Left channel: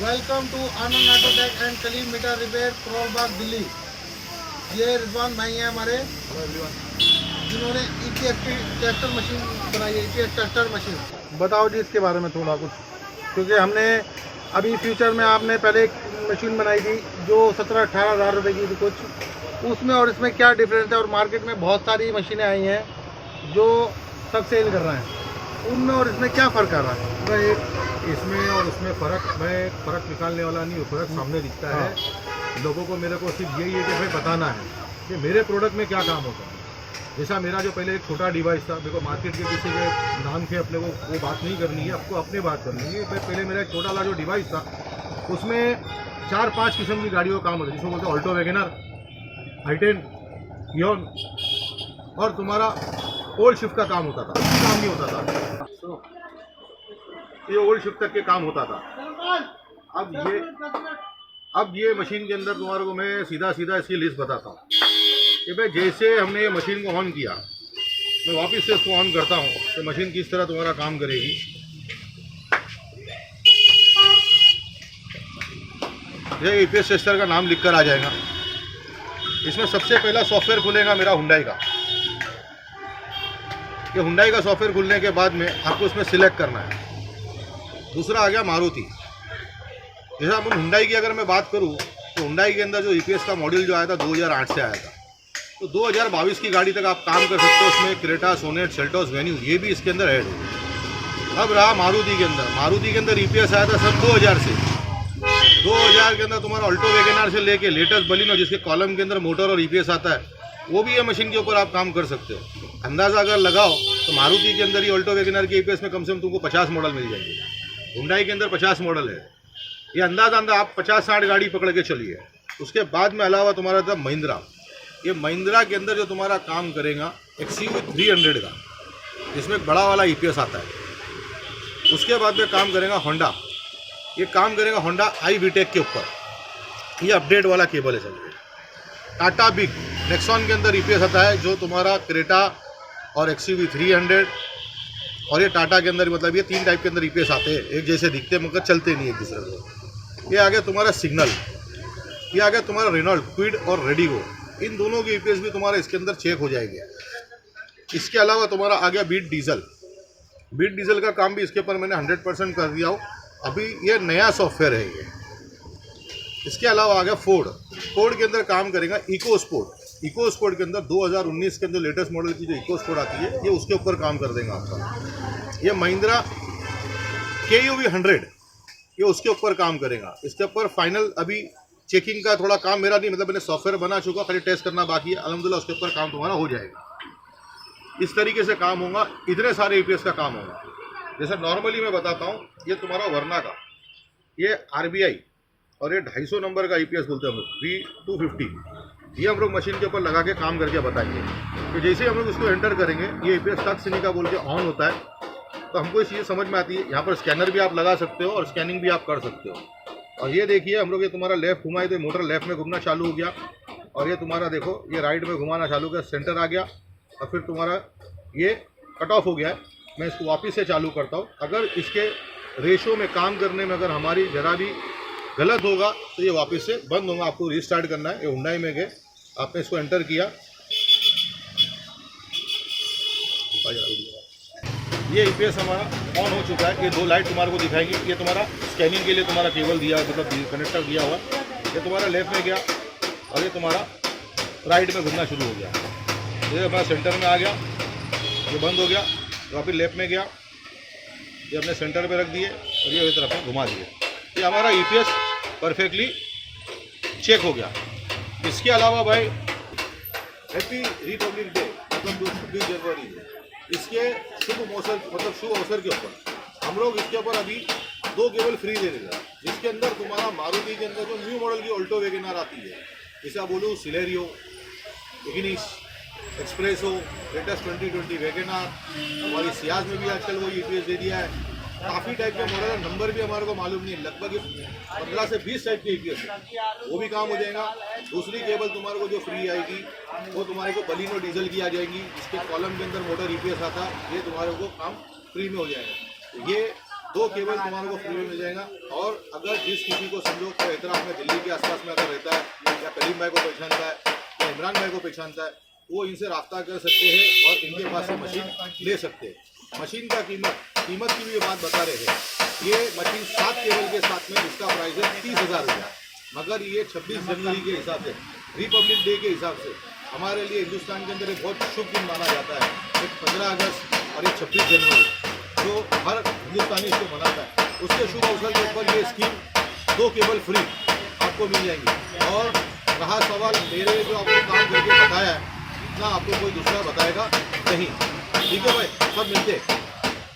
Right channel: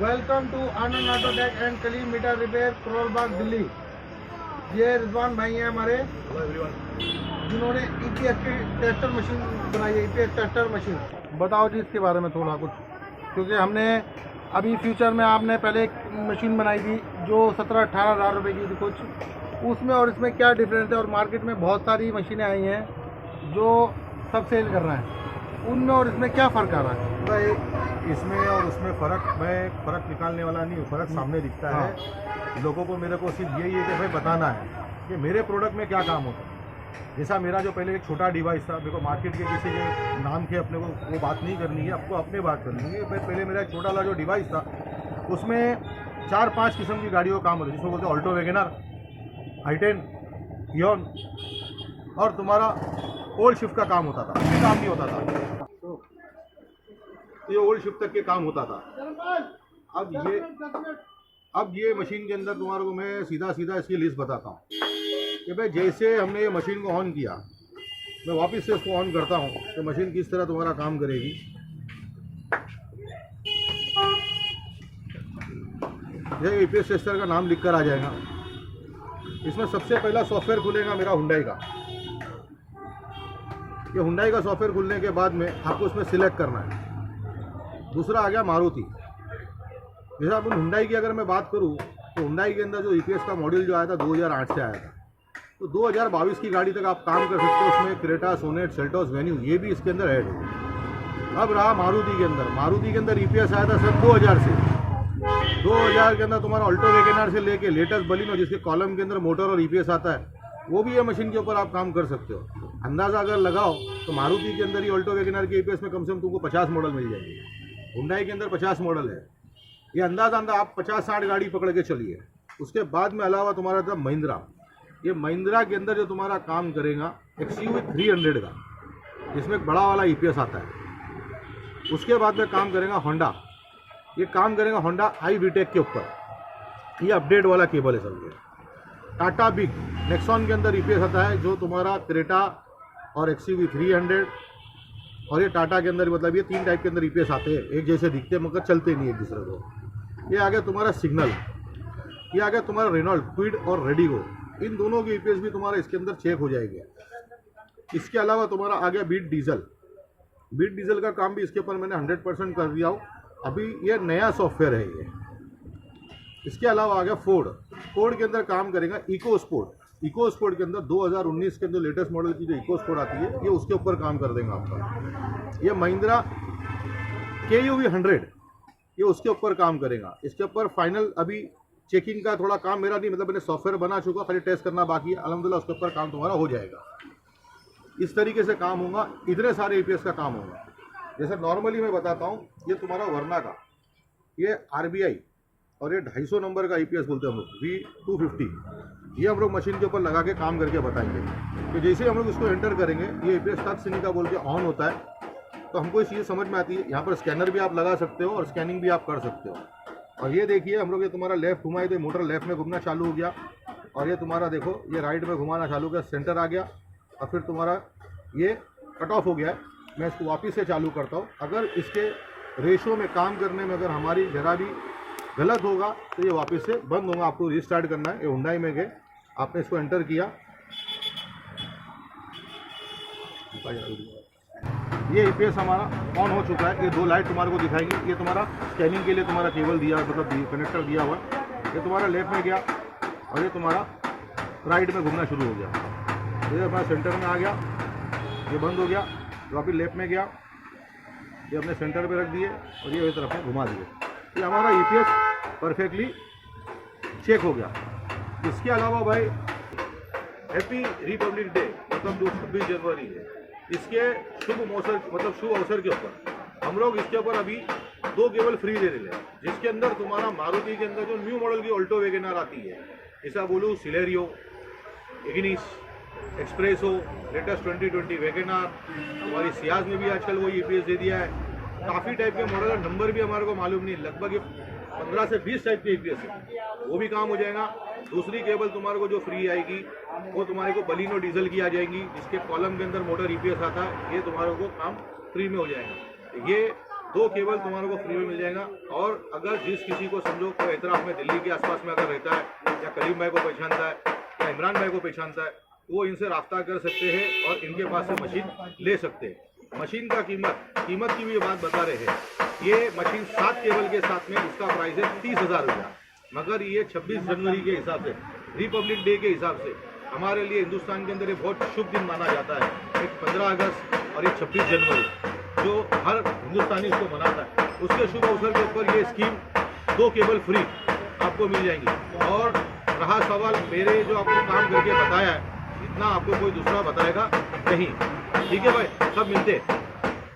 Welcome to Anand auto tech and Kaleem meter repair, Karol Bagh, Delhi. ये रिजवान भाई हैं हमारे, जिन्होंने ईपीएस की ट्रैक्टर मशीन बनाई है। ईपीएस ट्रैक्टर मशीन, बताओ जी इसके बारे में थोड़ा कुछ, क्योंकि हमने अभी फ्यूचर में आपने पहले एक मशीन बनाई थी जो 17-18 हज़ार रुपये की थी कुछ, उसमें और इसमें क्या डिफरेंस है। और मार्केट में बहुत सारी मशीनें आई हैं जो सब सेल कर रहे हैं, उनमें और इसमें क्या फ़र्क आ रहा है? भाई इसमें और उसमें फ़र्क निकालने वाला नहीं, फ़र्क सामने दिखता है। लोगों को मेरे को सिर्फ यही है कि भाई बताना है कि मेरे प्रोडक्ट में क्या काम होता है। जैसा मेरा जो पहले एक छोटा डिवाइस था, मेरे को मार्केट के जैसे के नाम के अपने को वो बात नहीं करनी है, आपको अपने बात करनी है। भाई पहले मेरा एक छोटा वाला जो डिवाइस था उसमें 4-5 किस्म की गाड़ियों का काम होता है, जिसको बोलते हैं ऑल्टो वैगनर, i10, पियोन, और तुम्हारा ओल्ड शिफ्ट का काम होता था। काम नहीं होता था, ये ओल्ड शिफ्ट तक के काम होता था। अब ये मशीन के अंदर तुम्हारे को मैं सीधा इसकी लिस्ट बताता हूँ कि भाई जैसे हमने ये मशीन को ऑन किया, मैं वापस से इसको ऑन करता हूँ तो मशीन किस तरह तुम्हारा काम करेगी। ये ईपीएस टेस्टर का नाम लिखकर आ जाएगा। इसमें सबसे पहला सॉफ्टवेयर खुलेगा मेरा हुंडई का। ये हुंडई का सॉफ्टवेयर खुलने के बाद में आपको उसमें सिलेक्ट करना है। दूसरा आ गया मारुति। जैसे अपन हुंडई की अगर मैं बात करूं तो हुंडई के अंदर जो ईपीएस का मॉडल जो आया था 2008 से आया था, तो 2022 की गाड़ी तक आप काम कर सकते हो। उसमें क्रेटा, सोनेट, सेल्टोस, वेन्यू ये भी इसके अंदर ऐड हो। अब रहा मारुति के अंदर ईपीएस आया था सब 2000 से। 2000 के अंदर तुम्हारा ऑल्टो वैगनर से लेके लेटेस्ट बलिनो, जिसके कॉलम के अंदर मोटर और ईपीएस आता है, वो भी ये मशीन के ऊपर आप काम कर सकते हो। अंदाज़ा अगर लगाओ तो मारुति के अंदर ही ऑल्टो वैगनर के ईपीएस में कम से कम तुमको 50 मॉडल मिल जाएंगे। हुंडई के अंदर 50 मॉडल है। ये अंदाज़ा आप 50-60 गाड़ी पकड़ के चलिए। उसके बाद में अलावा तुम्हारा था महिंद्रा। ये महिंद्रा के अंदर जो तुम्हारा काम करेगा XUV 300 का, जिसमें एक बड़ा वाला ईपीएस आता है। उसके बाद में काम करेगा होंडा। ये काम करेगा होंडा iVTEC के ऊपर। ये अपडेट वाला केबल है सब। टाटा बिग नेक्सॉन के अंदर ईपीएस आता है, जो तुम्हारा क्रेटा और XUV 300, और ये टाटा के अंदर, मतलब ये 3 टाइप के अंदर ईपीएस आते हैं। एक जैसे दिखते हैं मगर चलते नहीं एक दूसरे को। ये आ गया तुम्हारा सिग्नल। ये आ गया तुम्हारा रेनॉल्ट, क्विड और रेडिगो। इन दोनों की ईपीएस भी तुम्हारा इसके अंदर चेक हो जाएगी। इसके अलावा तुम्हारा आ गया बीट डीजल। बीट डीजल का काम भी इसके ऊपर मैंने 100% कर दिया हो। अभी ये नया सॉफ्टवेयर है ये। इसके अलावा आ गया फोर्ड के अंदर काम करेगा इको स्पोर्ट के अंदर 2019 के अंदर लेटेस्ट मॉडल की जो इको स्पोर्ट आती है, ये उसके ऊपर काम कर देगा आपका। ये महिंद्रा KUV 100, ये उसके ऊपर काम करेगा। इसके ऊपर फाइनल अभी चेकिंग का थोड़ा काम मेरा नहीं, मतलब मैंने सॉफ्टवेयर बना चुका, खाली टेस्ट करना बाकी है। अल्हम्दुलिल्लाह उसके ऊपर काम तुम्हारा हो जाएगा। इस तरीके से काम होगा। इतने सारे ईपीएस का काम होगा। जैसे नॉर्मली मैं बताता हूँ, ये तुम्हारा वर्ना का, ये RBI और ये 250 नंबर का ईपीएस बोलते हैं हम लोग, V250। ये हम लोग मशीन के ऊपर लगा के काम करके बताएंगे। तो जैसे ही हम लोग इसको एंटर करेंगे, ये ईपीएस तक सिनी का बोल के ऑन होता है, तो हमको ये चीज़ समझ में आती है। यहाँ पर स्कैनर भी आप लगा सकते हो और स्कैनिंग भी आप कर सकते हो। और ये देखिए हम लोग, ये तुम्हारा लेफ्ट घुमाए तो मोटर लेफ्ट में घूमना चालू हो गया, और ये तुम्हारा देखो ये राइट में घुमाना चालू हो गया, सेंटर आ गया, और फिर तुम्हारा ये कट ऑफ हो गया है। मैं इसको वापस से चालू करता हूँ। अगर इसके रेशो में काम करने में अगर हमारी जरा भी गलत होगा तो ये वापस से बंद होगा। आपको रीस्टार्ट करना है। ये हुंडई में गए, आपने इसको एंटर किया, ये ईपीएस हमारा ऑन हो चुका है। ये 2 लाइट तुम्हारे को दिखाएंगी। ये तुम्हारा स्कैनिंग के लिए तुम्हारा केबल दिया, मतलब कनेक्टर दिया हुआ। ये तुम्हारा लेफ्ट में गया और ये तुम्हारा राइट में घूमना शुरू हो गया। ये हमारा सेंटर में आ गया, ये बंद हो गया। तो फिर लेफ्ट में गया, ये अपने सेंटर पे रख दिए और ये तरफ में घुमा दिए। ये हमारा ईपीएस परफेक्टली चेक हो गया। इसके अलावा भाई हैप्पी रिपब्लिक डे, मतलब जो 26 जनवरी है, इसके शुभ अवसर के ऊपर हम लोग इसके ऊपर अभी 2 केबल फ्री दे रहे हैं, जिसके अंदर तुम्हारा मारुति के अंदर जो न्यू मॉडल की ऑल्टो वैगनर आती है, जैसा बोलूँ Celerio, Ignis, espresso, latest 2020 Wagner, हमारी सियाज में भी आजकल वो ईपीएस दे दिया है। काफ़ी टाइप के मॉडल, नंबर भी हमारे को मालूम नहीं, लगभग 15 से 20 टाइप के ईपीएस है, वो भी काम हो जाएगा। दूसरी केबल तुम्हारे को जो फ्री आएगी वो तुम्हारे को बलिनो डीजल की आ जाएगी, जिसके कॉलम के अंदर मोटर ईपीएस आता है, ये तुम्हारे को काम फ्री में हो जाएगा। ये 2 केबल तुम्हारे को फ्री में मिल जाएगा। और अगर जिस किसी को समझो कोई एतराफ़ में दिल्ली के आसपास में अगर रहता है या करीम भाई को पहचानता है या इमरान भाई को पहचानता है, वो इनसे रब्ता कर सकते हैं और इनके पास से मशीन ले सकते हैं। मशीन का कीमत की भी बात बता रहे हैं। ये मशीन 7 केबल के साथ में इसका प्राइस है 30,000 रुपया, मगर ये 26 जनवरी के हिसाब से, रिपब्लिक डे के हिसाब से हमारे लिए हिंदुस्तान के अंदर एक बहुत शुभ दिन माना जाता है। एक 15 अगस्त और एक 26 जनवरी जो हर हिंदुस्तानी इसको मनाता है, उसके शुभ अवसर के ऊपर ये स्कीम 2 केबल फ्री आपको मिल जाएंगी। और रहा सवाल मेरे जो आपको काम करके बताया है, इतना आपको कोई दूसरा बताएगा नहीं। ठीक है भाई, सब मिलते हैं।